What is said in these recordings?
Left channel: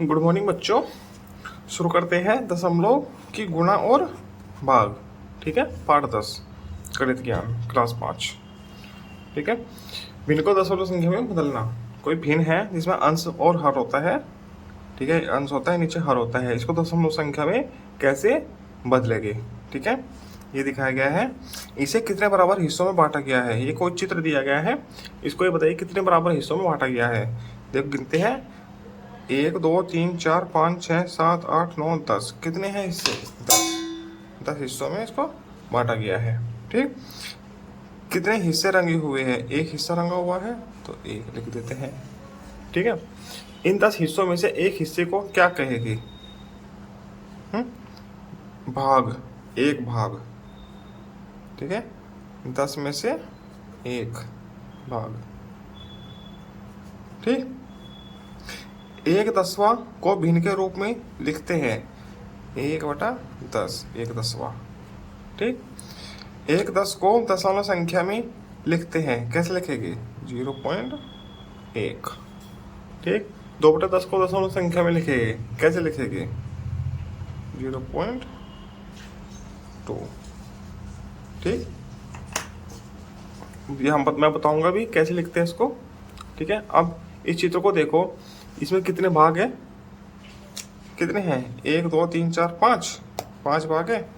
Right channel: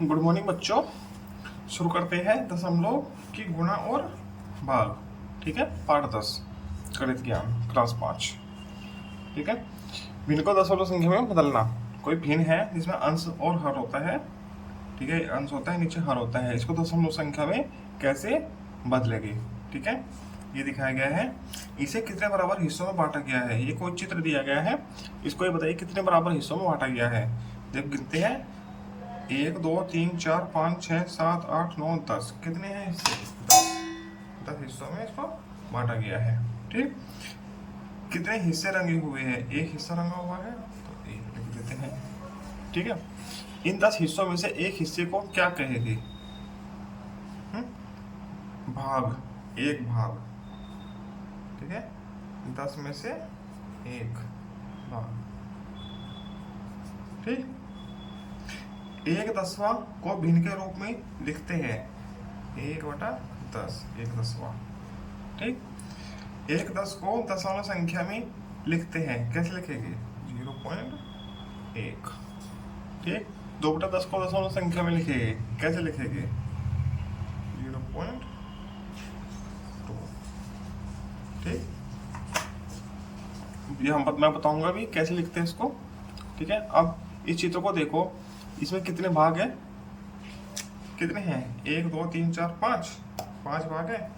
Good morning बच्चों। शुरू करते हैं दशमलव की गुणा और भाग। ठीक है, पाठ 10 गणित ज्ञान क्लास 5। ठीक है, भिन्न को दशमलव संख्या में बदलना। कोई भिन्न है जिसमें अंश और हर होता है। ठीक है, अंश होता है, नीचे हर होता है, इसको दशमलव संख्या में कैसे बदलेंगे। ठीक है, ये दिखाया गया है। इसे कितने बराबर हिस्सों में बांटा गया है। ये कोई चित्र दिया गया है, इसको ये बताइए कितने बराबर हिस्सों में बांटा गया है। देखो गिनते हैं, 1 2 3 4 5 6 7 8 9 10। कितने हैं हिस्से? 10 हिस्सों में इसको बांटा गया है। ठीक, कितने हिस्से रंगे हुए हैं? एक हिस्सा रंगा हुआ है तो एक लिख देते हैं। ठीक है, इन 10 हिस्सों में से एक हिस्से को क्या कहेगी? भाग, एक भाग। ठीक है, 10 में से एक भाग। ठीक, 1/10 को भिन्न के रूप में लिखते हैं 1/10, 1/10। ठीक, 1/10 को दशमलव संख्या में लिखते हैं, कैसे लिखेंगे? 0.1। ठीक, 2/10 को दशमलव संख्या में लिखेंगे, कैसे लिखेंगे? 0.2। ठीक, ये मैं बताऊंगा भी कैसे लिखते हैं इसको। ठीक है, अब इस चित्र को देखो, इसमें कितने भाग हैं? कितने हैं? 1 2 3 4 5, 5 भाग है।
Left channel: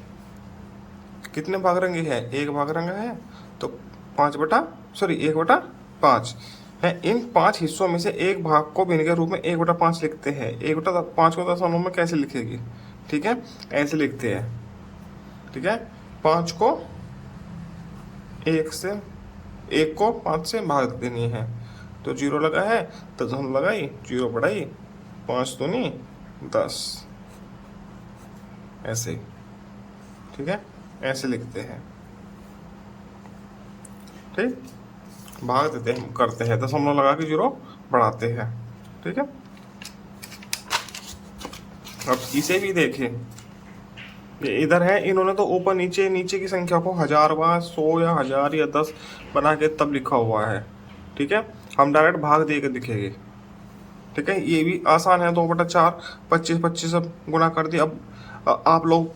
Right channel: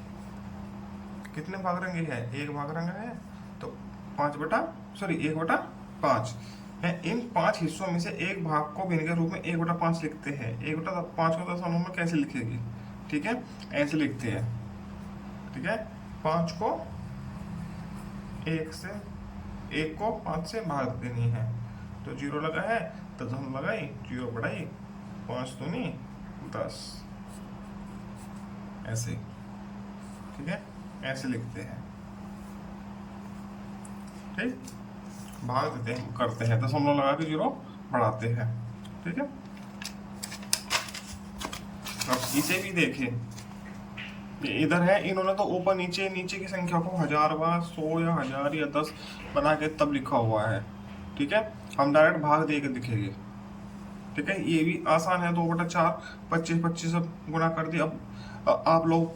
कितने भाग रंगे हैं? एक भाग रंगा है, तो 1/5 है। इन 5 हिस्सों में से एक भाग को भिन्न के रूप में 1/5 लिखते हैं। 1/5 को दशमलव में कैसे लिखेगी? ठीक है, ऐसे लिखते हैं। ठीक है, 5 को 5 से भाग देनी है, तो 0 लगा है तो दशमलव लगाई, 0 बढ़ाई, 5 दूनी 10, ऐसे। ठीक है, ऐसे लिखते हैं। ठीक, भाग देते हैं, करते हैं, दशमलव लगा के 0 बढ़ाते हैं। ठीक है, अब इसे भी देखें, इधर है, इन्होंने तो ऊपर नीचे नीचे की संख्या को 1000 बार 100 या 1000 या 10 बना के तब लिखा हुआ है। ठीक है, हम डायरेक्ट भाग दे के लिखेंगे। ठीक है, ये भी आसान है। 2/4, 25 25 सब गुणा कर दिया। अब आप लोग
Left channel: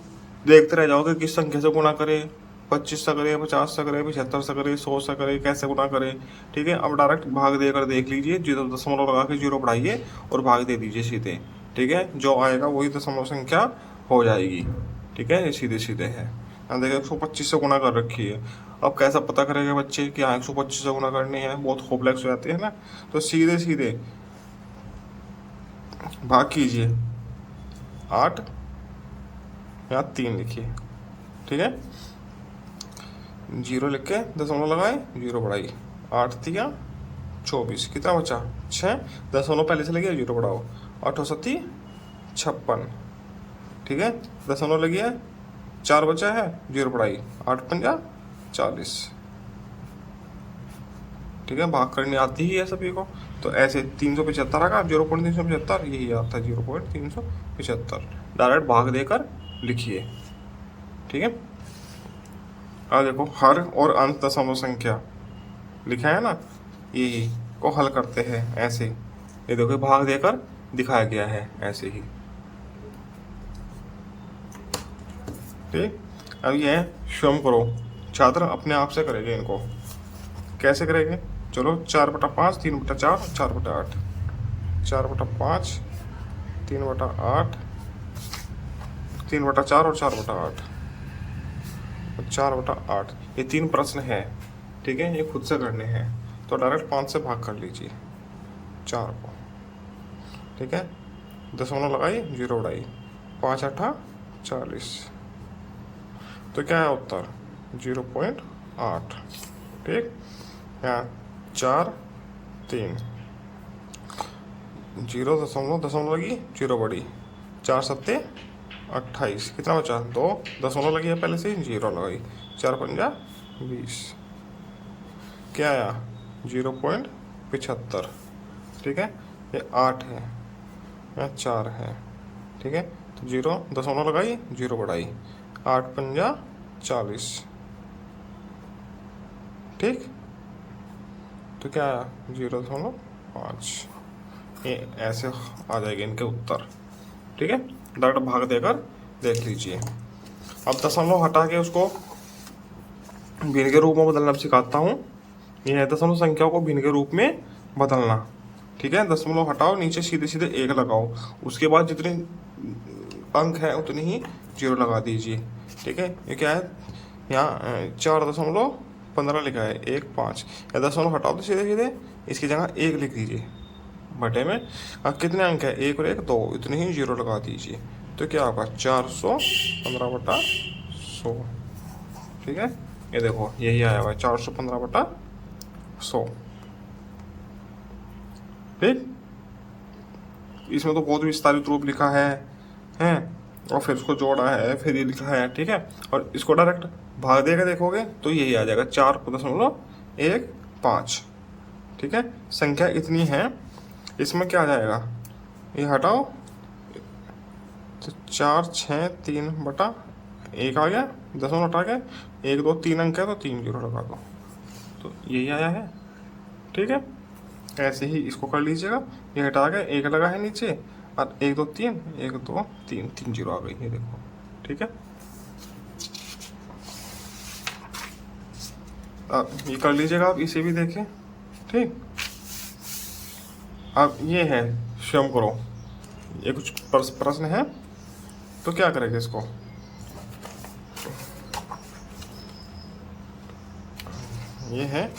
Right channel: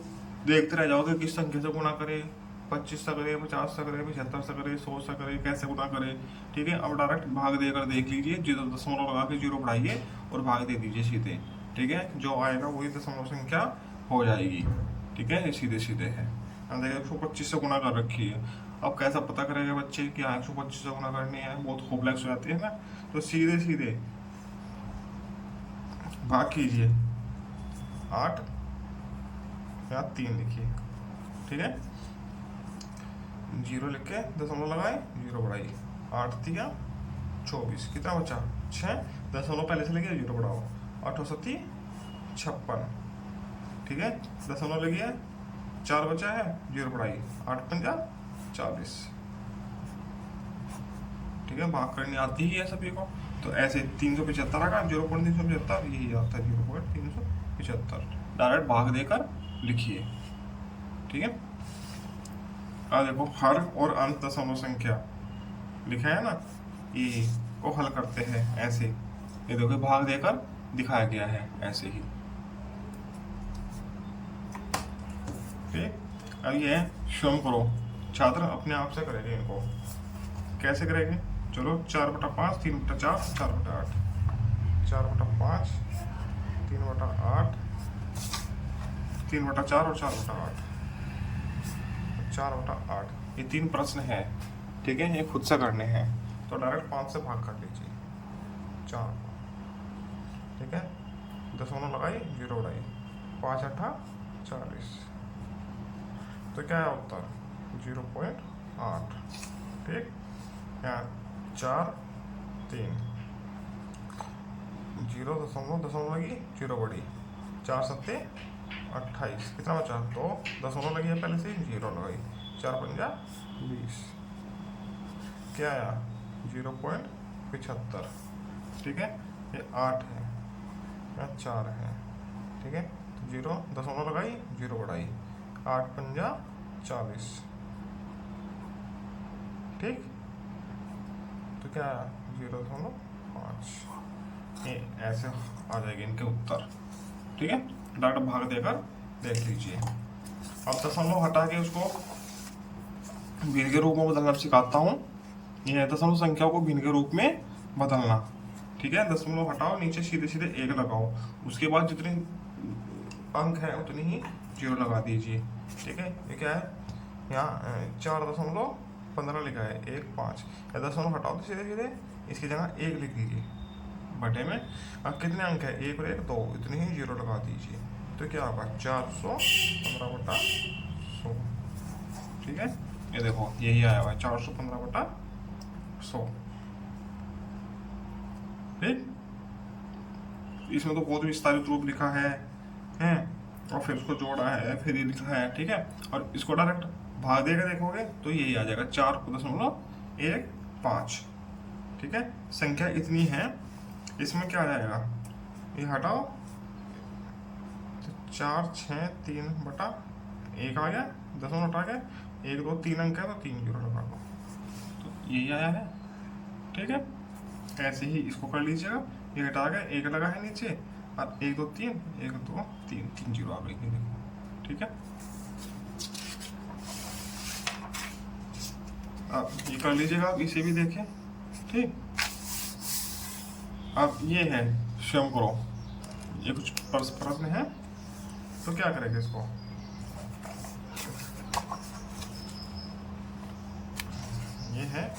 देखते रह जाओगे किस संख्या से गुणा करें, 25 से करे, 50 से करे, 75 से करे, 100 से करे, कैसे गुणा करे। ठीक है, अब डायरेक्ट भाग देकर देख लीजिए, 0 दशमलव लगा के 0 बढ़ाइए और भाग दे दीजिए सीधे। ठीक है, जो आएगा वही दशमलव संख्या हो जाएगी। ठीक है, ये सीधे सीधे है। अब देखिए 125 से गुणा कर रखी है। अब कैसा पता करेंगे बच्चे कि हाँ 125 से गुणा करनी है? बहुत कॉम्प्लेक्स हो जाती है ना, तो सीधे सीधे भाग कीजिए। 8 या 3 लिखिए। ठीक है, 0 लिख के दशमलव लगाए, 0 बढ़ाई, 8 3 24, कितना बचा? 6, दशमलव पहले से लगे, 0 बढ़ाओ, 8 7 56। ठीक है, दशमलव लगी है, 4 बचा है, 0 बढ़ाई, 8 5 40। ठीक है, भाग करनी आती ही है सभी को, तो ऐसे 375 आएगा, 0.375 यही आता है, 0.375। डायरेक्ट भाग देकर लिखिए। ठीक है, अब देखो हर और अंत दशमलव संख्या लिखा है ना, यही को हल करते हैं ऐसे। ये देखो भाग देकर दिखाया गया है ऐसे ही। ठीक, अब ये स्वयं करो, छात्र अपने आप से करेंगे इनको। कैसे करेंगे? चलो 4/5, 3/4, 4/8, 4/5, 3/8, 3/4 और 4/8, 4/8। ये 3 प्रश्न है। ठीक है, ये खुद से करने हैं, तो डायरेक्ट 5 से भाग कर लीजिए 4 को। ठीक है, दशमलव लगाई, 0 उड़ाई, 5 8 40, तो क्या है उत्तर? 0.8। ठीक, यहाँ 4 3, 0 दशमलव लगी, 0 बढ़ी, 4 7 28, कितना बचा? 2 दशमलव लगी है पहले से, 0 लगाई, 4 5 20, क्या आया? 0.75। ठीक है, ये 8 है या 4 है। ठीक है, तो 0 दशमलव लगाई, 0 बढ़ाई, 8 5 40। ठीक, तो क्या आया? 0.5। ये ऐसे आ जाएंगे इनके उत्तर। ठीक है, डायरेक्ट भाग देकर देख लीजिए। अब दशमलव हटा के उसको भिन्न के रूप में बदलना सिखाता हूँ। ये है दशमलव संख्या को भिन्न के रूप में बदलना। ठीक है, दशमलव हटाओ, नीचे सीधे सीधे एक लगाओ, उसके बाद जितने अंक है उतनी ही जीरो लगा दीजिए। ठीक है, ये क्या है, यहाँ 4.15 लिखा है, 1 5, या दशमलव हटाओ तो सीधे सीधे इसकी जगह 1 लिख दीजिए बटे में। अब कितने अंक है, 1 और 1 2, इतने ही जीरो लगा दीजिए। तो क्या होगा, 415/100। ठीक है, ये देखो यही आया हुआ है, 415/100। ठीक, इसमें तो बहुत विस्तारित रूप लिखा है हैं, और फिर उसको जोड़ा है, फिर ये लिखा है। ठीक है, और इसको डायरेक्ट भाग देकर देखोगे तो यही आ जाएगा, 4.15। ठीक है, संख्या इतनी है, इसमें क्या आ जाएगा, ये हटाओ तो 463/1 आ गया, दशमलव हटा के 1 2 3 अंक है तो 3 जीरो लगा दो, तो यही आया है। ठीक है, ऐसे ही इसको कर लीजिएगा। ये हटा के 1 लगा है नीचे, और 1 2 3 1 2 3 3 जीरो आ गई, ये देखो। ठीक है, अब ये कर लीजिएगा, आप इसे भी देखें। ठीक, अब ये है, स्वयं करो। ये कुछ प्रश्न है, तो क्या करेंगे इसको, ये है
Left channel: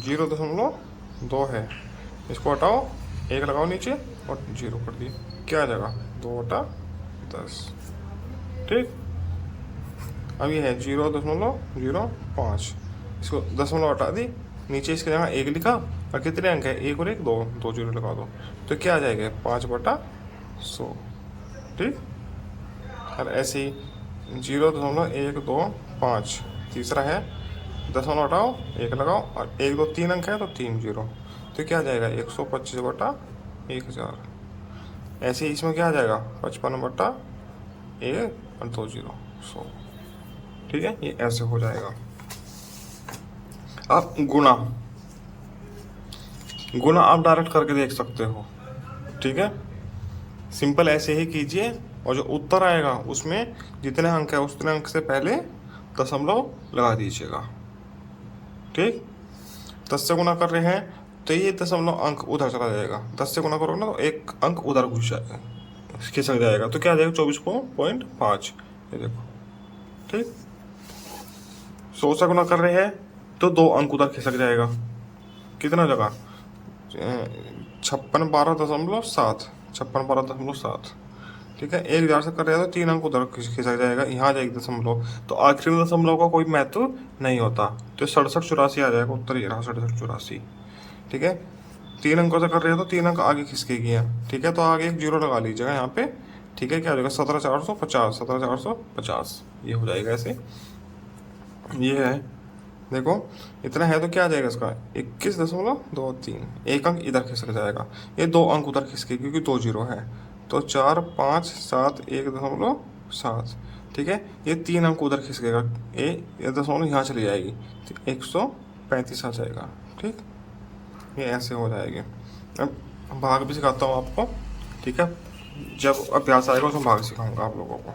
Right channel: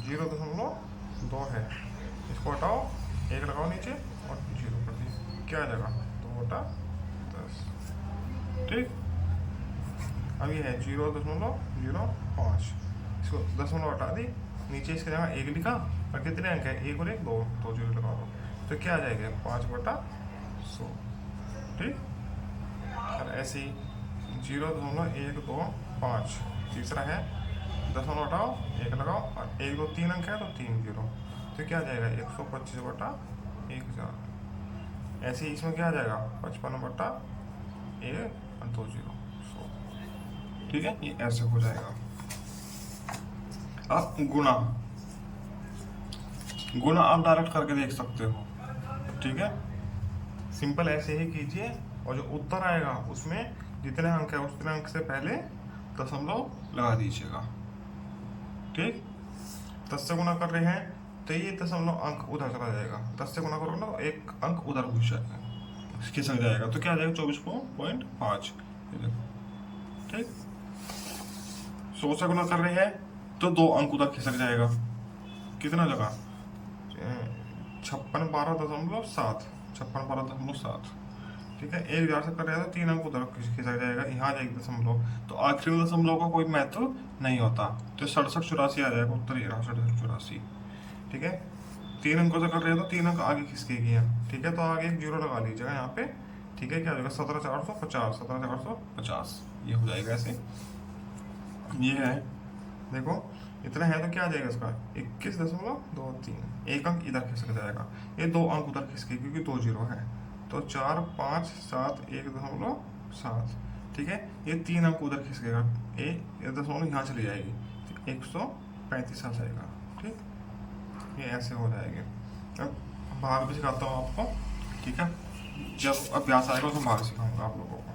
0.2 है, इसको हटाओ, 1 लगाओ नीचे और जीरो कर दिए, क्या आ जाएगा, 2/10। ठीक, अब ये है 0.05, इसको दशमलव हटा दी, नीचे इसकी जगह 1 लिखा, और कितने अंक है, 1 और 1 2, 2 जीरो लगा दो, तो क्या आ जाएगा, 5/100। ठीक, और ऐसे ही 0.125, तीसरा है, दशमलव हटाओ, 1 लगाओ, और 1 2 3 अंक है तो 3 जीरो, तो क्या आ जाएगा, 125/1000। ऐसे ही इसमें क्या आ जाएगा, 55/1 और 2 जीरो, 100। ठीक है, ये ऐसे हो जाएगा। अब गुणा, गुणा आप डायरेक्ट करके देख सकते हो। ठीक है, सिंपल ऐसे ही कीजिए, और जो उत्तर आएगा उसमें जितने अंक है उतने अंक से पहले दशमलव लगा दीजिएगा। ठीक, 10 से गुना कर रहे हैं तो ये दशमलव अंक उधर चला जाएगा, 10 से गुना करोगे ना तो एक अंक उधर घुस जाएगा, खिसक जाएगा, तो क्या आ जाएगा, 24.5। ये देखो। ठीक, 100 से गुना कर रहे हैं तो 2 अंक उधर खिसक जाएगा, कितना जगह, 5612.7, 5612.7। ठीक है, 1000 से कर रहे हैं तो 3 अंक उधर खिसक जाएगा, यहाँ जाएगी दशमलव, तो आखिरी में दशमलव का कोई महत्व नहीं होता, तो 6784 आ जाएगा उत्तर, ये रहा 6784। ठीक है, 3 अंकों से कर रहे हैं तो 3 अंक आगे खिसकेगी है। ठीक है, तो आगे एक जीरो लगा लीजिएगा यहाँ पे। ठीक है, क्या हो जाएगा, 17450, 17450, ये हो जाएगा ऐसे। ये है, देखो इतना है तो क्या आ जाएगा इसका, 21.23, एक अंक इधर खिसक जाएगा, ये 2 अंक उधर खिसके क्योंकि 2 जीरो है, तो 4571.7। ठीक है, ये 3 अंक उधर खिसकेगा, ये दशमलव यहाँ चली जाएगी, तो 135 आ जाएगा। ठीक, ये ऐसे हो जाएगी। अब भाग भी सिखाता हूँ आपको। ठीक है, जब अभ्यास आएगा उसमें भाग सिखाऊंगा आप लोगों को।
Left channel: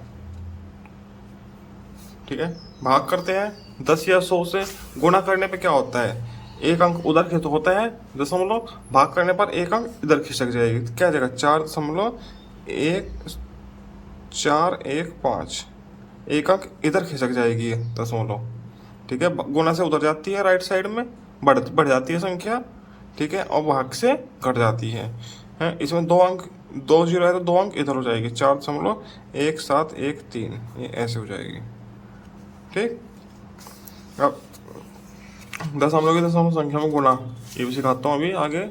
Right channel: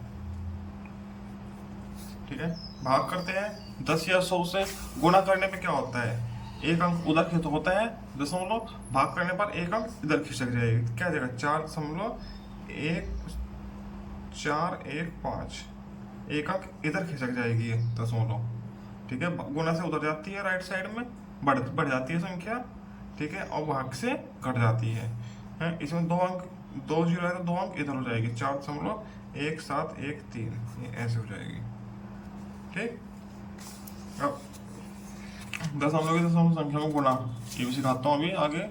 ठीक है, भाग करते हैं। 10 या 100 से गुणा करने पे क्या होता है, एक अंक उधर खिसक होता है दशमलव, भाग करने पर एक अंक इधर खिसक जाएगी, तो क्या जाएगा, 4.1415, एक अंक इधर खिसक जाएगी दशमलव। ठीक है, गुणा से उधर जाती है, राइट साइड में बढ़ जाती है संख्या। ठीक है, और भाग से घट जाती है। इसमें 2 अंक, 2 जीरो है तो 2 अंक इधर हो जाएगी, 4.1713, ये ऐसे हो जाएगी। ठीक, अब दशमलव की दशमलव संख्या में गुणा, ये भी सिखाता हूँ अभी आगे,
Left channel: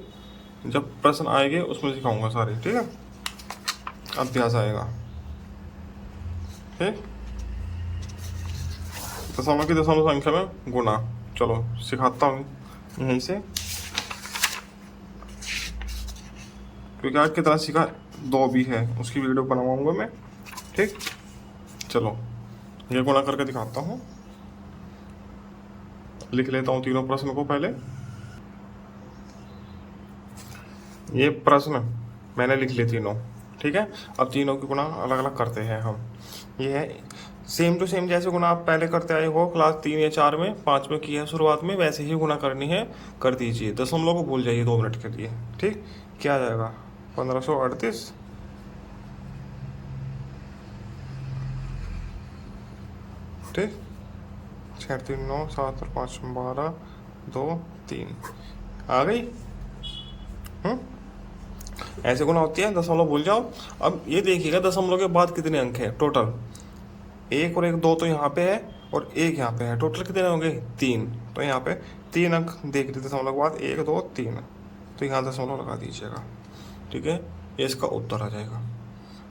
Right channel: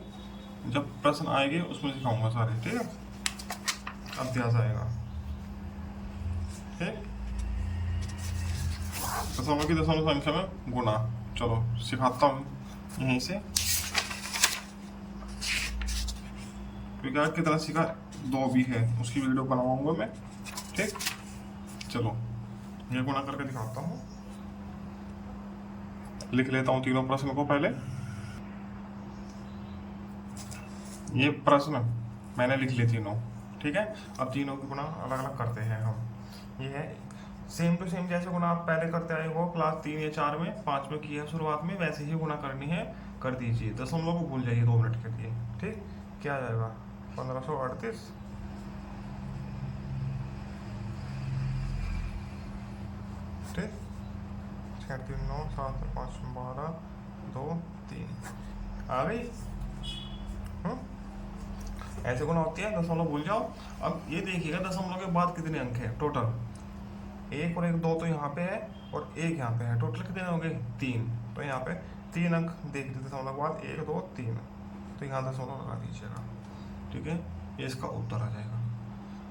जब प्रश्न आएंगे उसमें सिखाऊंगा सारे। ठीक है, अभ्यास आएगा। ठीक, दशमलव की दशमलव संख्या में गुणा, चलो सिखाता हूँ यहीं से, क्योंकि आज कितना सीखा 2 भी है, उसकी वीडियो बनाऊंगा मैं। ठीक, चलो ये गुणा करके दिखाता हूँ, लिख लेता हूँ तीनों प्रश्न को पहले। ये प्रश्न मैंने लिख लिए तीनों, ठीक है। अब तीनों की गुणा अलग अलग करते हैं हम। ये है सेम टू सेम, जैसे गुणा आप पहले करते आए हो क्लास 3 या 4 में, 5 में किया है शुरुआत में, वैसे ही गुणा करनी है, कर दीजिए। दशमलव को भूल जाइए 2 मिनट के लिए, ठीक। क्या आ जाएगा 1538, ठीक। 6 3 9 7 और 5 12 2 3 आ गई। ऐसे गुना होती है, दशमलव भूल जाओ। अब ये देखिएगा दशमलव के बाद कितने अंक हैं टोटल, 1 और 1 2 तो यहाँ पे है और 1 यहाँ पे है, टोटल कितने होंगे 3। तो यहाँ पे 3 अंक देख लीजिए दशमलव के बाद, 1 2 3, तो यहाँ दशमलव लगा दीजिएगा, ठीक है। ये इसका उत्तर आ जाएगा,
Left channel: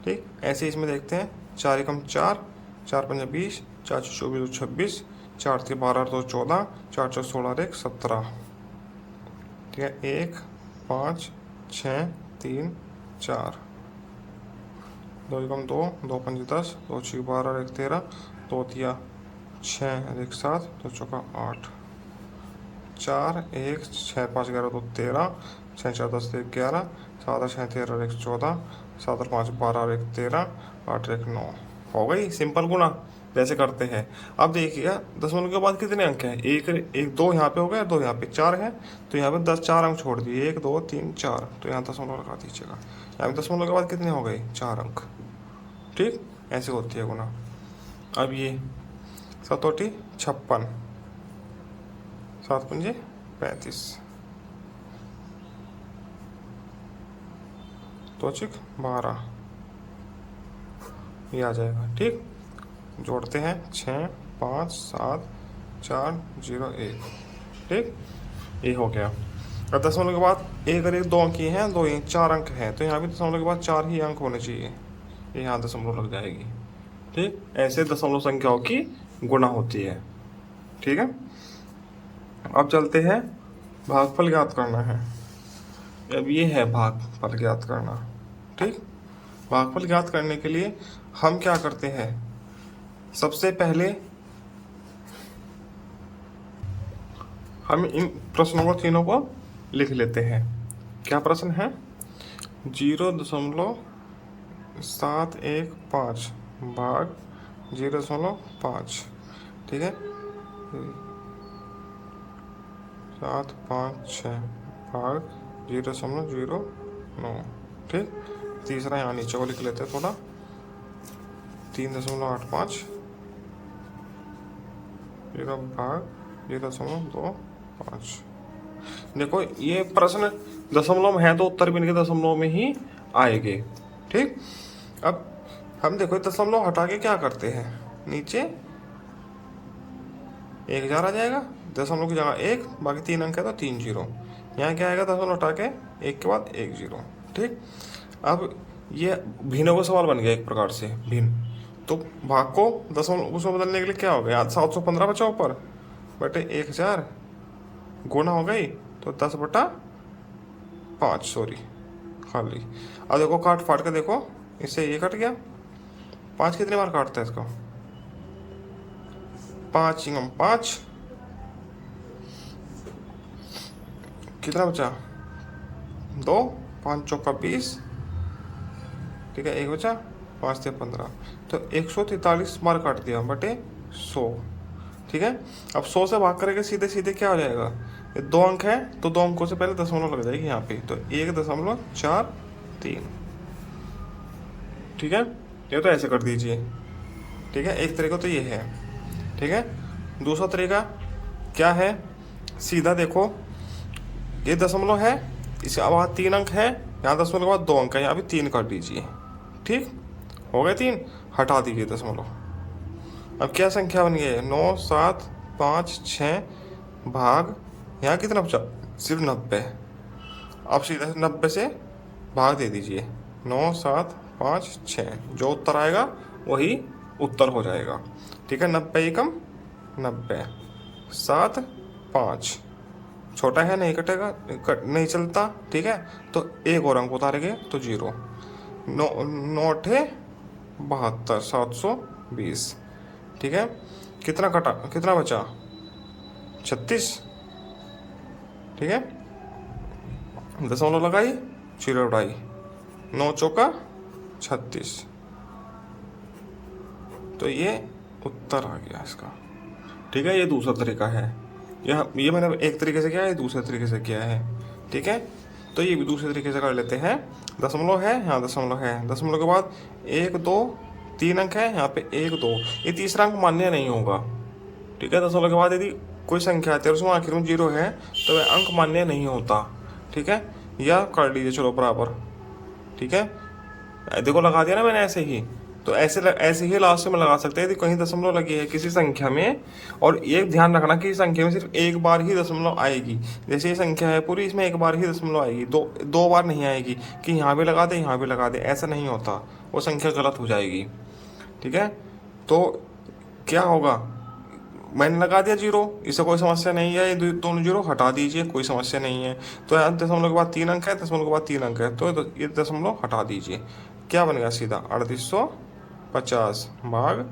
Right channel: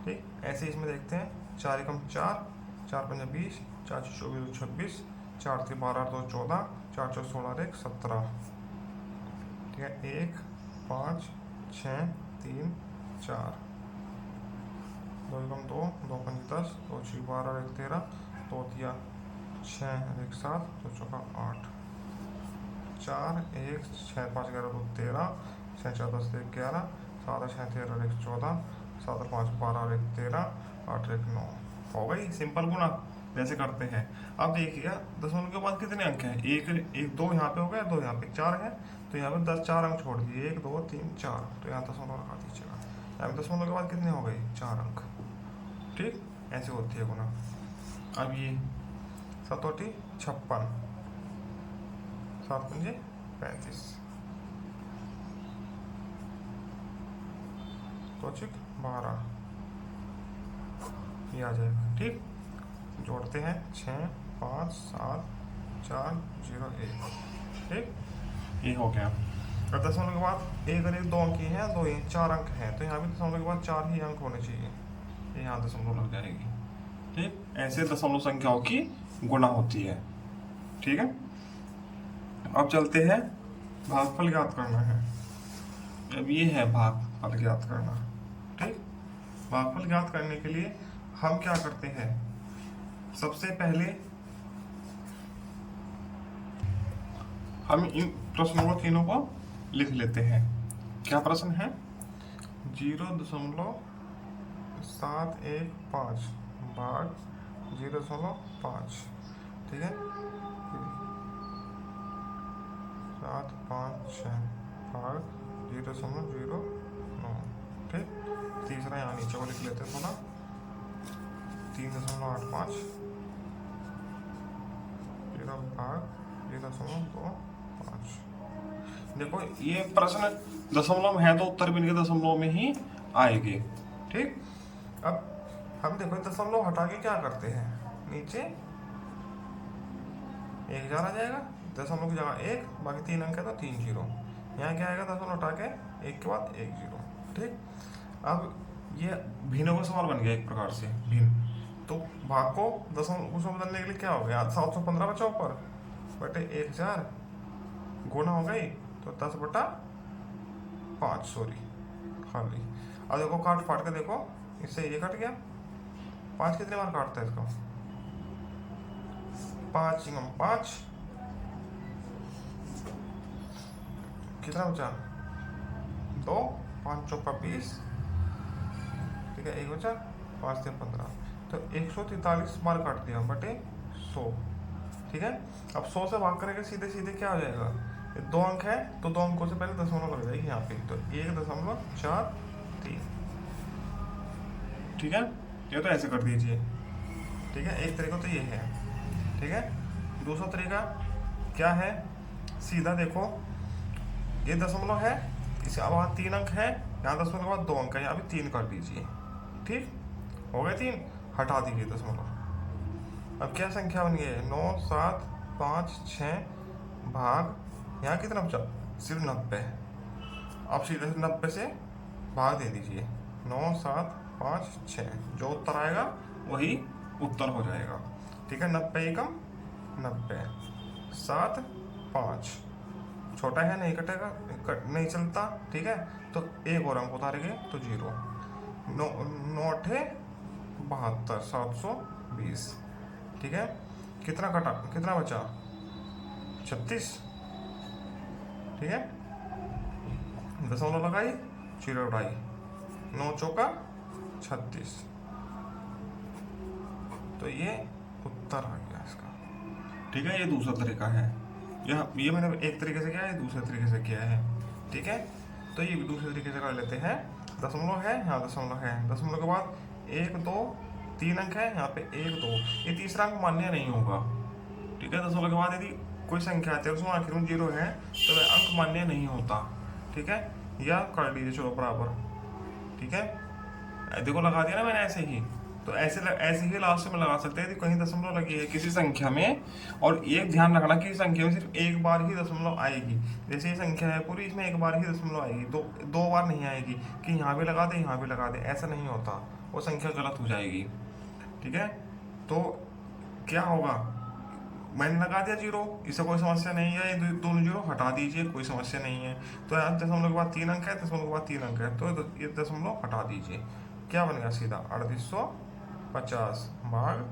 ठीक। ऐसे इसमें देखते हैं, 4 एकम 4, 4 पंजे 20, 4 24 26, 4 3 12 2 14, 4 4 16 1 17, ठीक है। 1 5 6 3 4, 2 एकम 2, 2 पंजे 10, 2 6 12 1 13, 2 तिया 6 1 7, 2 चौका 8, 4 1 6 5 11 2 13, 6 4 10 1 11, 7 6 13 1 14, 7 और 5 12 1 13, 8 1 9। हो गई सिंपल गुणा जैसे करते हैं। अब देखिएगा दशमलव के बाद कितने अंक हैं, एक एक 2 यहाँ पे हो गया, 2 यहाँ पे, 4 है, तो यहाँ पे 10 4 अंक छोड़ दिए, 1 2 3 4, तो यहाँ दशमलव लगा दीजिएगा। यहाँ पे दशमलव के बाद कितने हो गए 4 अंक, ठीक। ऐसे होती है गुणा। अब ये 7 8 56, 7 पंजे 35, 2 6 12, ये आ जाएगा, ठीक। जोड़ते हैं 6 5 7 4 0 1, ठीक। ये हो गया। अब दशमलव के बाद एक और एक 2 अंक ही हैं, 2 ही 4 अंक हैं, तो यहाँ भी दशमलव के बाद 4 ही अंक होने चाहिए, ये यहाँ दशमलव लग जाएगी, ठीक। ऐसे दशमलव संख्याओं की गुणा होती है, ठीक है। अब चलते हैं, भागफल ज्ञात करना है। अब ये है भागफल ज्ञात करना, ठीक। भागफल ज्ञात करने के लिए हम क्या करते हैं, सबसे पहले हम इन प्रश्नों को तीनों को लिख लेते हैं। क्या प्रश्न है, 0.715 भाग 0.5, ठीक है। 7 5 6 भाग 0.09, ठीक। तीसरा यहाँ नीचे को लिख लेते हैं थोड़ा, 3.85 भाग 0.25। देखो ये प्रश्न दशमलव है तो उत्तर भी इनके दशमलव में ही आएंगे, ठीक। अब हम देखो दशमलव हटा के क्या करते हैं, नीचे 1000 आ जाएगा, दशमलव की जगह 1, बाकी 3 अंक है तो 3 0। यहाँ क्या आएगा, दशमलव हटा के 1 के बाद 1 0, ठीक। अब ये भिन्नों का सवाल बन गया एक प्रकार से भिन्न, तो भाग को दशमलव उसमें बदलने के लिए क्या हो गया, 715 बचा ऊपर बटे 1000, गुणा हो गई तो 10/5, सॉरी खाली। अब देखो काट फाट के देखो, इससे ये कट गया, 5 कितने बार काटता है इसको, 5 5, कितना बचा 2, 5 चौका 20, ठीक है। 1 बचा, 5 से 15, तो 143 बार काट दिया बटे 100, ठीक है। अब 100 से भाग करके सीधे सीधे क्या हो जाएगा, 2 अंक है तो 2 अंकों से पहले दशमलव लग जाएगी यहाँ पे, तो 1.43, ठीक है। ये तो ऐसे कर दीजिए, ठीक है। एक तरीका तो ये है, ठीक है। दूसरा तरीका क्या है, सीधा देखो ये दशमलव है, इसके बाद 3 अंक है, यहाँ दशमलव के बाद 2 अंक है, यहाँ भी 3 काट दीजिए, ठीक। हो गए 3, हटा दीजिए दशमलव। अब क्या संख्या बन गई, 9 7 5 6 भाग, यहाँ कितना बचा सिर्फ 90। अब सीधे 90 से भाग दे दीजिए, 9 7 5 6, जो उत्तर आएगा वही उत्तर हो जाएगा, ठीक है। 90 एकम 90, 7 5, छोटा है नहीं कटेगा, नहीं चलता, ठीक है। तो एक और अंक उतारेंगे तो 0, 9 9 72, 720, ठीक है। कितना कटा, कितना बचा 36, ठीक है। दशमलव लगाई, 0 उड़ाई, 9 चौका 36। तो ये उत्तर आ गया इसका। ठीक है, ये दूसरा तरीका है। ये मैंने एक तरीके से किया है, दूसरे तरीके से किया है। ठीक है, तो ये भी दूसरे तरीके से कर लेते हैं। दशमलव है, यहाँ दशमलव है, दशमलव के बाद 1 2 3 अंक है, यहाँ पे 1 2, ये तीसरा अंक मान्य नहीं होगा। ठीक है, दशमलव के बाद यदि कोई संख्या है 13 आखिर में 0 है तो वह अंक मान्य नहीं होता। ठीक है, या कर लीजिए चलो बराबर। ठीक है, देखो लगा दिया ना मैंने ऐसे ही। तो ऐसे ही लास्ट में लगा सकते हैं यदि कहीं दशमलव लगी है किसी संख्या में। और ये ध्यान रखना कि संख्या में सिर्फ एक बार ही दशमलव आएगी। जैसे ये संख्या है पूरी, इसमें एक बार ही दशमलव आएगी, दो बार नहीं आएगी कि यहाँ भी लगा दे यहाँ भी लगा दे, ऐसा नहीं होता, वो संख्या गलत हो जाएगी। ठीक है, तो क्या होगा, मैंने लगा दिया 0, इससे कोई समस्या नहीं है, ये दोनों 0 हटा दीजिए, कोई समस्या नहीं है। तो यहाँ दशमलव के बाद 3 अंक है, दशमलव के बाद 3 अंक है, तो ये दशमलव हटा दीजिए। क्या बन गया सीधा 3850 भाग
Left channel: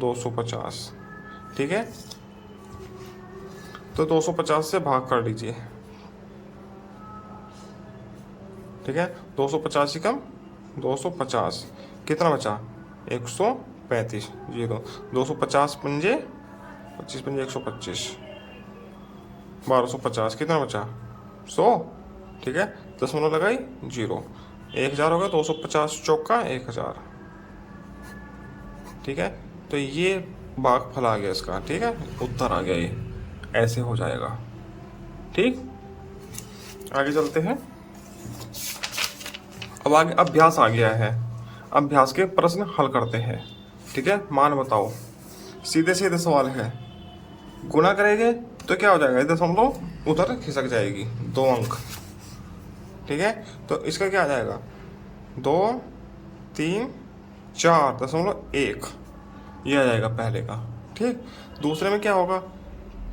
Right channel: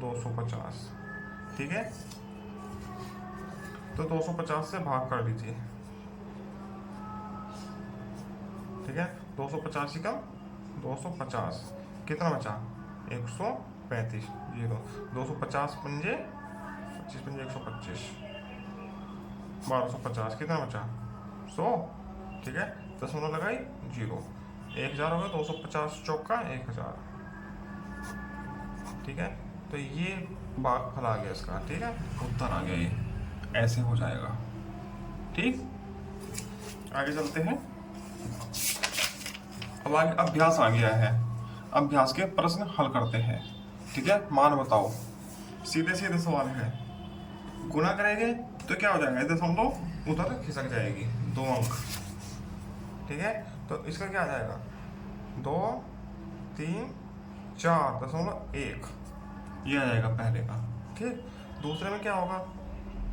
250। ठीक है, तो 250 से भाग कर लीजिए। ठीक है, 250 ही कम 250, कितना बचा 135, 0 250 पंजे 25 पंजे 125, 1250, कितना बचा 100। ठीक है, दशमलव लगाई 0, 1000 हो गया, 250 चौका 1000। ठीक है, तो ये भागफल आ गया इसका। ठीक है, उत्तर आ गया, ये ऐसे हो जाएगा। ठीक, आगे चलते हैं। अब आगे अभ्यास आ गया है, अभ्यास के प्रश्न हल करते हैं। ठीक है, मान बताओ, सीधे सीधे सवाल है। गुणा करेंगे तो क्या हो जाएगा, दशमलव उधर खिसक जाएगी 2 अंक। ठीक है, तो इसका क्या आ जाएगा 2 3 4.1, ये आ जाएगा पहले का। ठीक, दूसरे में क्या होगा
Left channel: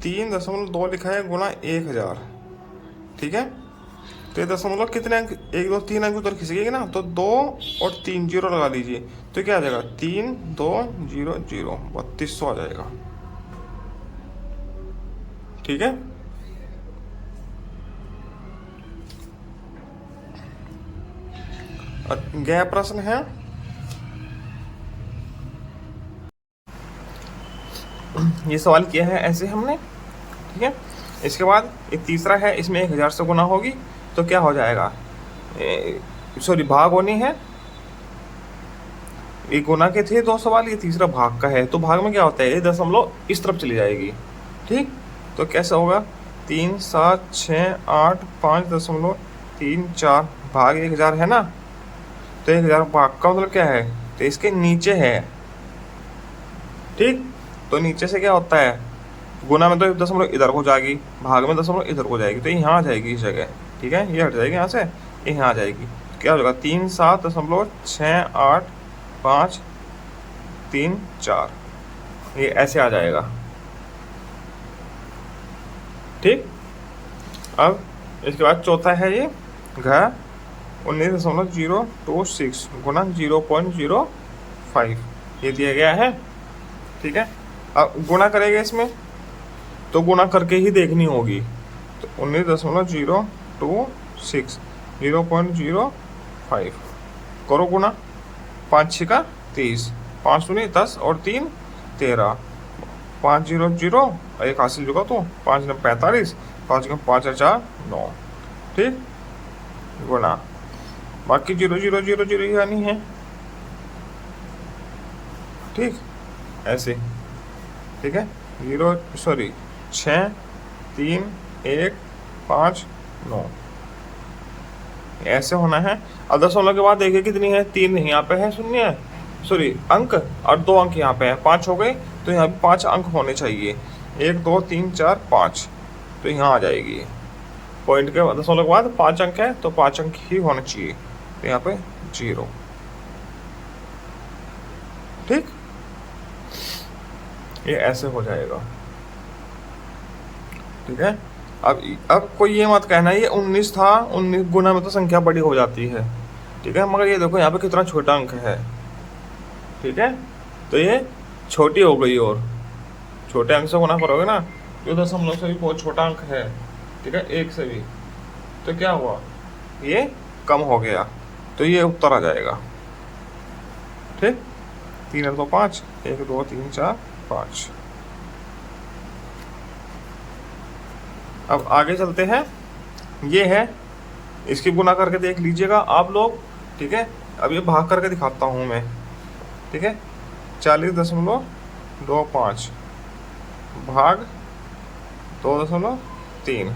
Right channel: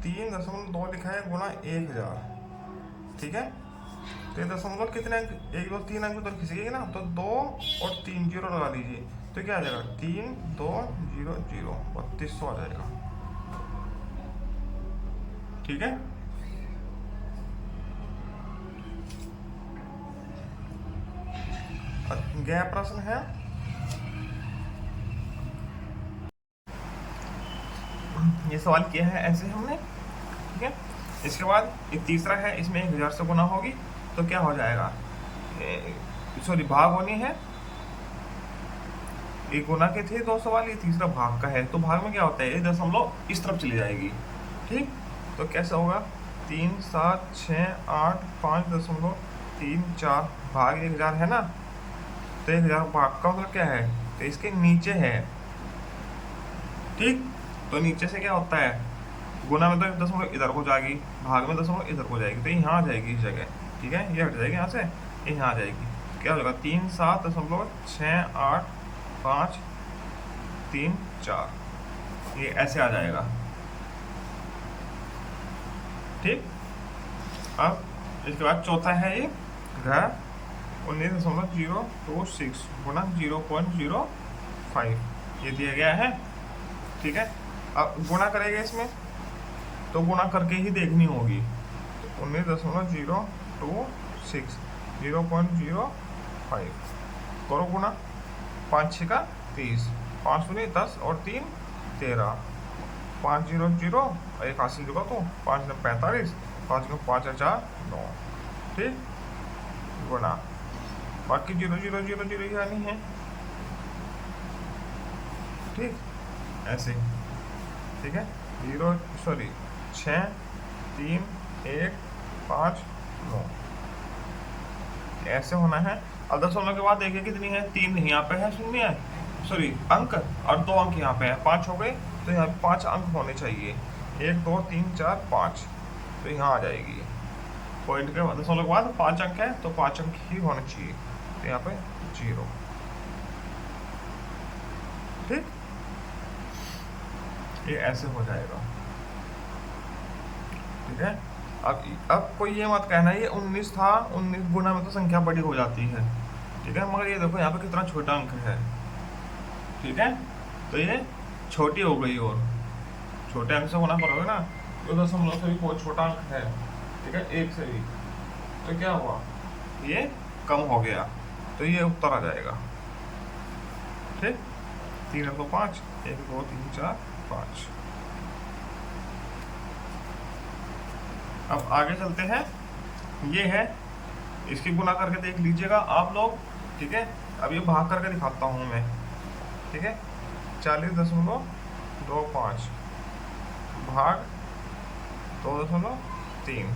3.2 लिखा है गुणा 1000। ठीक है, तो ये दशमलव कितने अंक, 1 2 3 अंक उधर खिसकेगी ना, तो 2 और 3 0 लगा लीजिए, तो क्या आ जाएगा 3 2 0 0, 3200 आ जाएगा। ठीक है, गया प्रश्न है। ये सवाल किया है ऐसे हमने। ठीक है, इसके बाद एक तीसरा है, इसमें 1000 से गुना होगी तो क्या हो जाएगा, सॉरी भाग होनी है। एक गुना के थे 2 सवाल, ये तीसरा भाग का है। तो भाग में क्या होता है, ये दशमलव इस तरफ चली जाएगी। ठीक, तो कैसा होगा 3 7 6 8 5.34 भाग 1000 है ना, तो 1000 भाग का मतलब क्या है, तो इसके नीचे है। ठीक, तो नीचे से क्या होता है, गुना में तो दशमलव इधर हो जाएगी, भाग में दशमलव इधर हो जाएगी, तो यहाँ आ जाएगी इस जगह। ठीक है, ये हट जाएगी यहाँ से, ये यहाँ आ जाएगी। तो क्या होगा 3 7.68534, ये ऐसे आ जाएगा। ठीक, अब इसके बाद चौथा है ये घ 19.026 गुना 0.05, ये दिया गया है। ठीक है, अब गुणा करेंगे इसमें, तो गुणा करके ही देखनी होगी। तो 19.026 0.05 करो गुणा, 5 6 का 30, 5 दूनी 10 और 3 13, 5 0 0, एक हासिल चुका तो 5 9 45, 5 5 4 9। ठीक, गुणा बाकी 0 0 0 0 ही आनी है। ठीक, ऐसे। ठीक है, 6 3 1 5 9, ऐसे होना है। अब दशमलव के बाद देखिए कितनी है, 3 यहाँ पे है, शून्य है, सॉरी अंक, और 2 अंक यहाँ पे है, 5 हो गए, तो यहाँ पे 5 अंक होने चाहिए, 1 2 3 4 5, तो यहाँ आ जाएगी। पॉइंट के दशमलव के बाद 5 अंक है, तो 5 अंक ही होने चाहिए, तो यहाँ पे 0। ठीक, ये ऐसे हो जाएगा। ठीक है, अब कोई ये मत कहना ये 19 था, 19 गुना में तो संख्या बड़ी हो जाती है। ठीक है, मगर ये देखो यहाँ पे कितना छोटा अंक है। ठीक है, तो ये छोटी हो गई, और छोटे अंक से गुना करोगे ना, ये दशमलव से भी बहुत छोटा अंक है। ठीक है, 1 से भी, तो क्या हुआ ये कम हो गया। तो ये उत्तर आ जाएगा। ठीक, 3 और 2 5, 1 2 3 4 5। अब आगे चलते हैं। ये है, इसकी गुना करके देख लीजिएगा आप लोग। ठीक है, अब ये भाग करके दिखाता हूँ मैं। ठीक है, 40.25 भाग 2.3।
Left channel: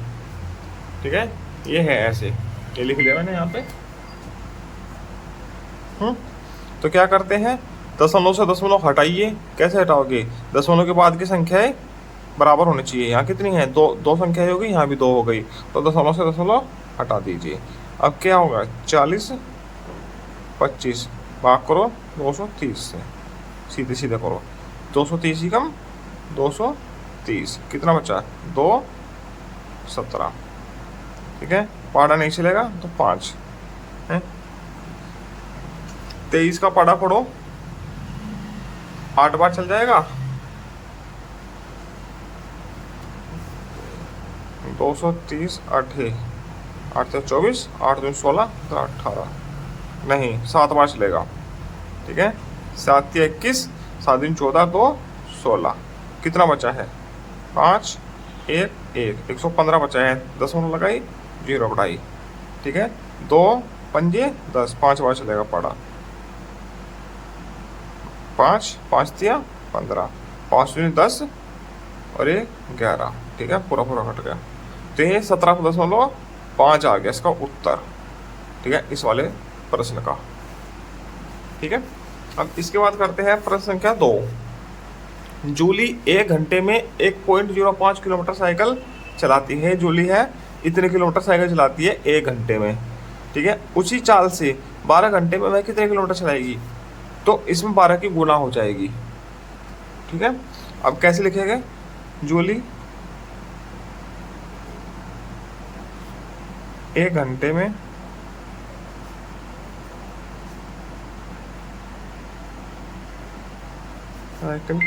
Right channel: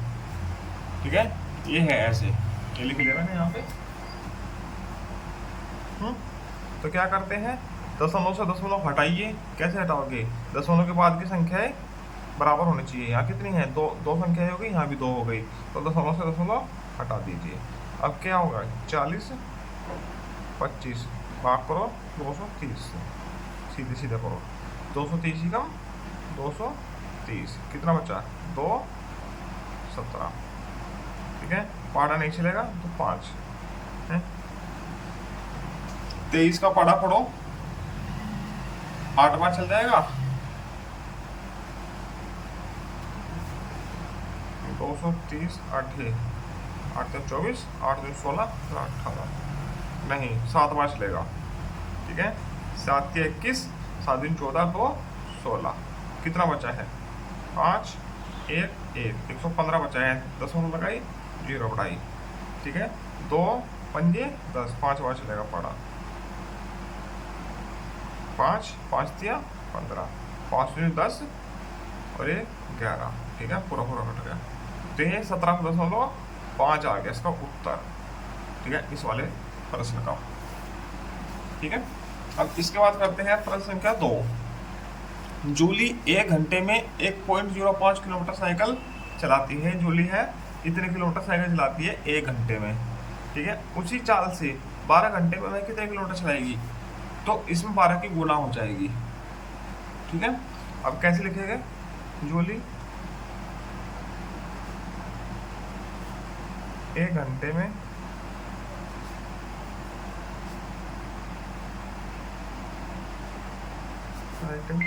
ठीक है, ये है ऐसे, ये लिख लिया मैंने यहाँ पे। तो क्या करते हैं, दशमलव से दशमलव हटाइए। कैसे हटाओगे, दशमलव के बाद की संख्याएं बराबर होनी चाहिए। यहाँ कितनी है, दो संख्याएं हो गई, यहाँ भी 2 हो गई, तो दशमलव से दशमलव हटा दीजिए। अब क्या होगा, 40/25 भाग करो 230 से, सीधे सीधे करो। 230 ही कम 230, कितना बचा, 217। ठीक है, पाड़ा नहीं चलेगा तो 5 है। 23 का पाड़ा पढ़ो, 8 बार चल जाएगा, 230 8 8 24, 8 2 16, 18 नहीं 7 बार चलेगा। ठीक है, 7 21, 7 दिन 14, 2 16, कितना बचा है, 5 1 1, 115 बचा है। दशमलव लगाई, 0 बढ़ाई। ठीक है, 2 पंजे 10, 5 बार चलेगा पड़ा। 5 5 दिया 15, 5 दूनी 10 और ये 11। ठीक है, पूरा पूरा कट गया, तो ये 17.5 आ गया इसका उत्तर। ठीक है, इस वाले प्रश्न का। ठीक है, अब इसके बाद करते हैं प्रश्न संख्या 2। जूली 1 घंटे में 1.05 किलोमीटर साइकिल चलाती है। जूली है, इतने किलोमीटर साइकिल चलाती है 1 घंटे में। ठीक है, उसी चाल से 12 घंटे में वह कितने किलोमीटर चलाएगी, तो इसमें 12 की गुना हो जाएगी। ठीक है, अब कैसे लिखेंगे, जूली 1 घंटे में साइकिल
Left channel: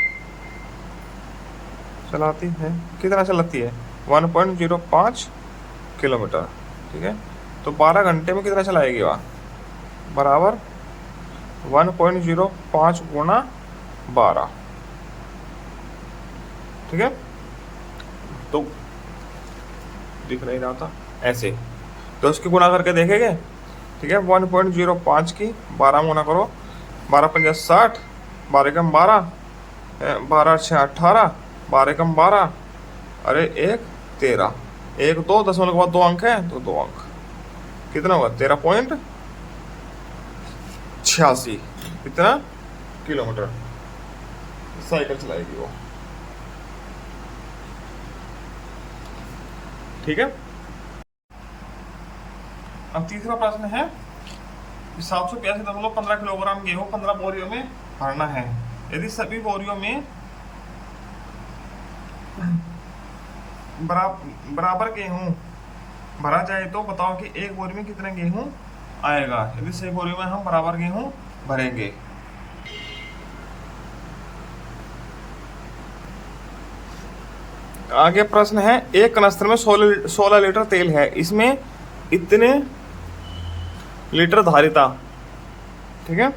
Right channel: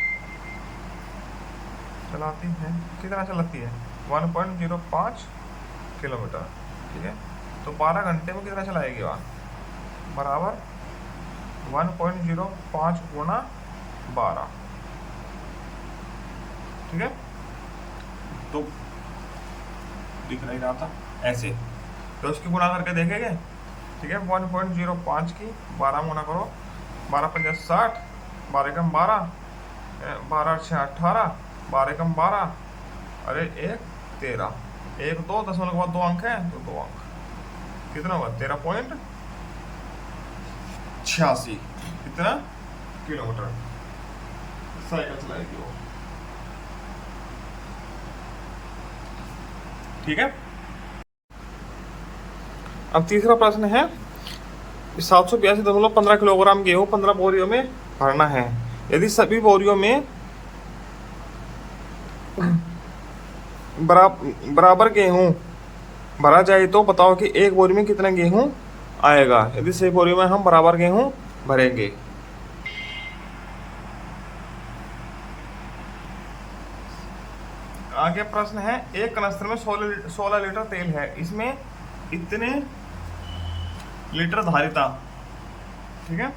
चलाती है, कितना चलाती है, 1.05 किलोमीटर। ठीक है, तो 12 घंटे में कितना चलाएगी वह, बराबर 1.05 गुना 12। ठीक है, तो दिख नहीं रहा था ऐसे, तो इसकी गुना करके देखेंगे। ठीक है, 1.05 की 12 गुना करो, 12 पंजा 60, 12 कम 12, 12 6 18, 12 कम 12, अरे 1 13, 1 2 दशमलव के बाद 2 अंक है तो 2 अंक, कितना हुआ 13.86 कितना किलोमीटर साइकिल चलाएगी वो। ठीक है, अब तीसरा प्रश्न है, 782.15 किलोग्राम गेहूं 15 बोरियों में भरना है। यदि सभी बोरियों में बराबर गेहूं भरा जाए तो बताओ कि एक बोरी में कितना गेहूं आएगा। यदि सभी बोरियों में हम बराबर गेहूं भरेंगे। आगे प्रश्न है, एक कनस्तर में 16 लीटर तेल है, इसमें इतने लीटर धारिता, ठीक है,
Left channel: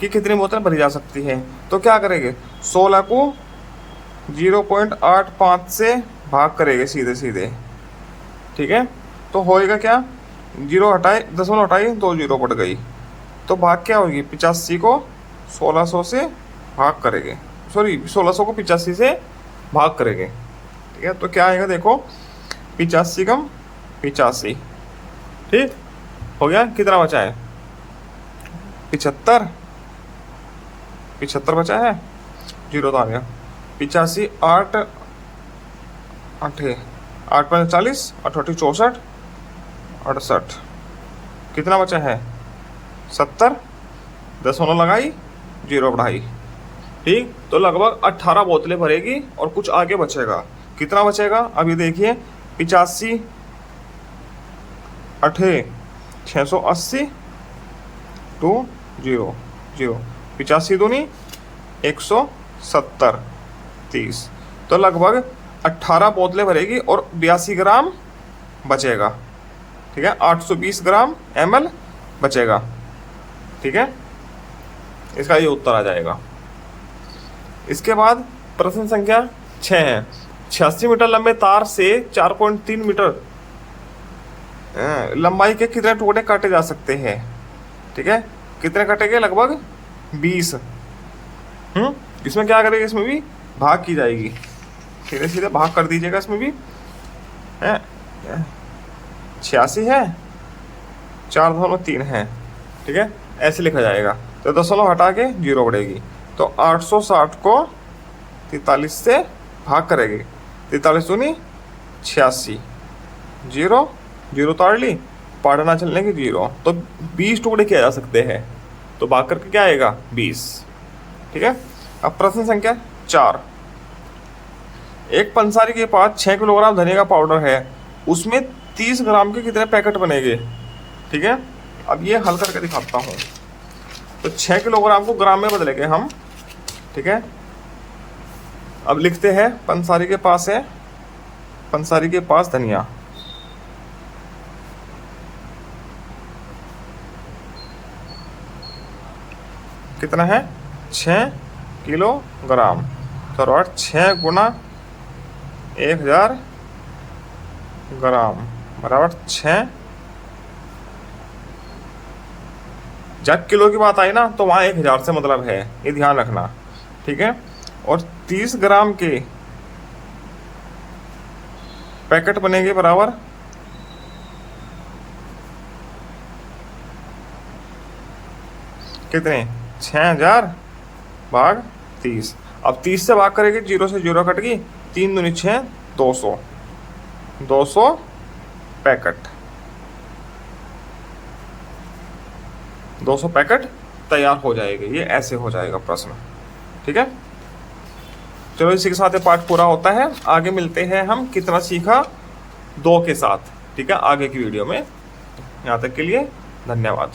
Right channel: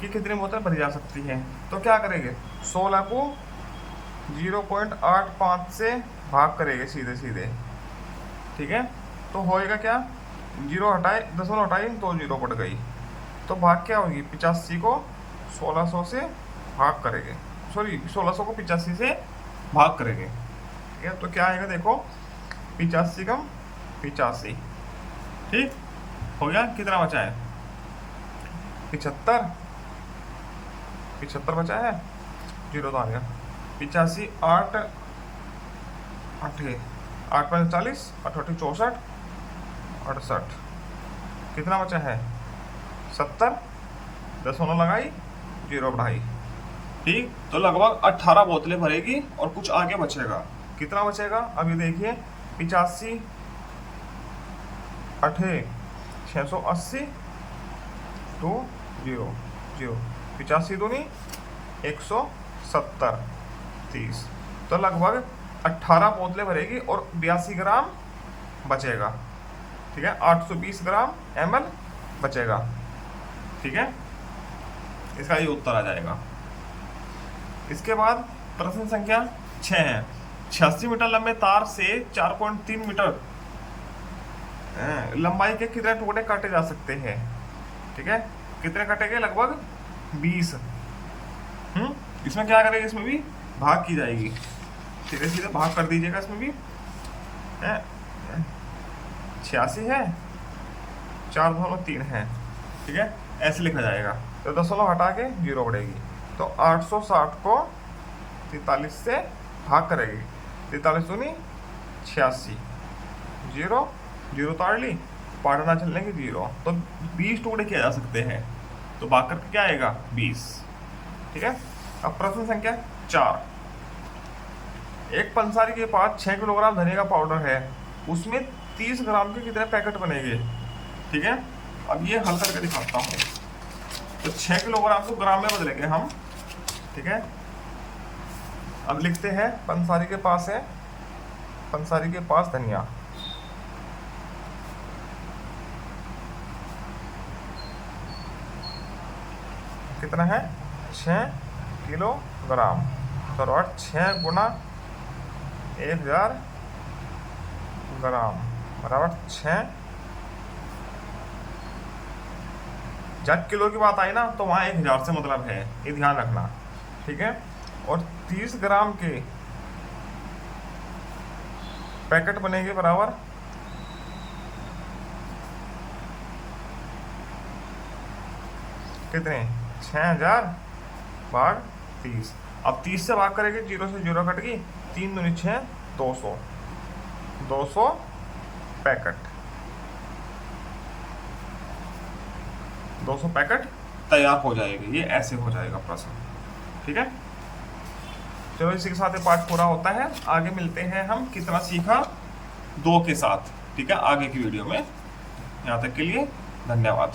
कि कितनी बोतल भरी जा सकती है। तो क्या करेंगे, 16 को 0.85 से भाग करेंगे सीधे सीधे। ठीक है, तो होएगा क्या, 0 हटाए, दशमलव हटाई तो 0 बढ़ गई, तो भाग क्या होगी, 85 को 1600 से भाग करेंगे, सॉरी 1600 को 85 से भाग करेंगे। ठीक है, तो क्या आएगा देखो, 85 कम 85, ठीक हो गया, कितना बचा है 75 बचा है, 0 तो आ गया, 85 8 8 8 5 40, 8 64 68, कितना बचा है 70, दशमलव लगाई 0 बढ़ाई। ठीक, तो लगभग 18 बोतलें भरेगी और कुछ आगे बचेगा, कितना बचेगा, अभी देखिए 85 8 680 2 0 0, 85 दूनी 170 30, तो लगभग 18 बोतलें भरेगी और 82 ग्राम बचेगा। ठीक है, 820 ग्राम ml बचेगा। ठीक है, इसका ये उत्तर आ जाएगा। इसके बाद प्रश्न संख्या 6 है, 86 मीटर लंबे तार से 4.3 मीटर लंबाई के कितने टुकड़े काटे जा सकते हैं? ठीक है, कितने कटेंगे? लगभग 20। इसमें क्या करेंगे? इसमें भी भाग की जाएगी, सीधे सीधे भाग कर दीजिएगा। इसमें भी 86 है, 4/3 है, ठीक है, ऐसे लिखा जाएगा। तो दशमलव हटा के 0 बढ़ेगी, तो 860 को 43 से भाग करेगी। 43 दूनी 86, 0 0 ताड़ ली, पढ़ना चलने की 0, तो 20 टुकड़े किए जा सकते हैं। तो भाग करके क्या आएगा? 20। ठीक है, अब प्रश्न संख्या 4, एक पंसारी के पास 6 किलोग्राम धनिया का पाउडर है, उसमें 30 ग्राम के कितने पैकेट बनेंगे? ठीक है, अब ये हल करके दिखाता हूँ। तो 6 किलोग्राम को ग्राम में बदलेंगे हम। ठीक है, अब लिखते हैं पंसारी के पास है, पंसारी के पास धनिया, कितना है? 6 किलोग्राम। तो 6 गुना 1000 ग्राम बराबर 6। जब किलो की बात आई ना तो वहाँ 1000 से मतलब है, ये ध्यान रखना। ठीक है, और 30 ग्राम के पैकेट बनेंगे बराबर कितने? 6000 भाग 30। अब 30 से भाग करेंगे, 0 से 0 कट गई, 3 दूनी 6, 200, 200 पैकेट, 200 पैकेट तैयार हो जाएगी। ये ऐसे हो जाएगा प्रश्न। ठीक है, चलो इसी के साथ ये पार्ट पूरा होता है। आगे मिलते हैं हम कितना सीखा 2 के साथ। ठीक है, आगे की वीडियो में। यहाँ तक के लिए धन्यवाद।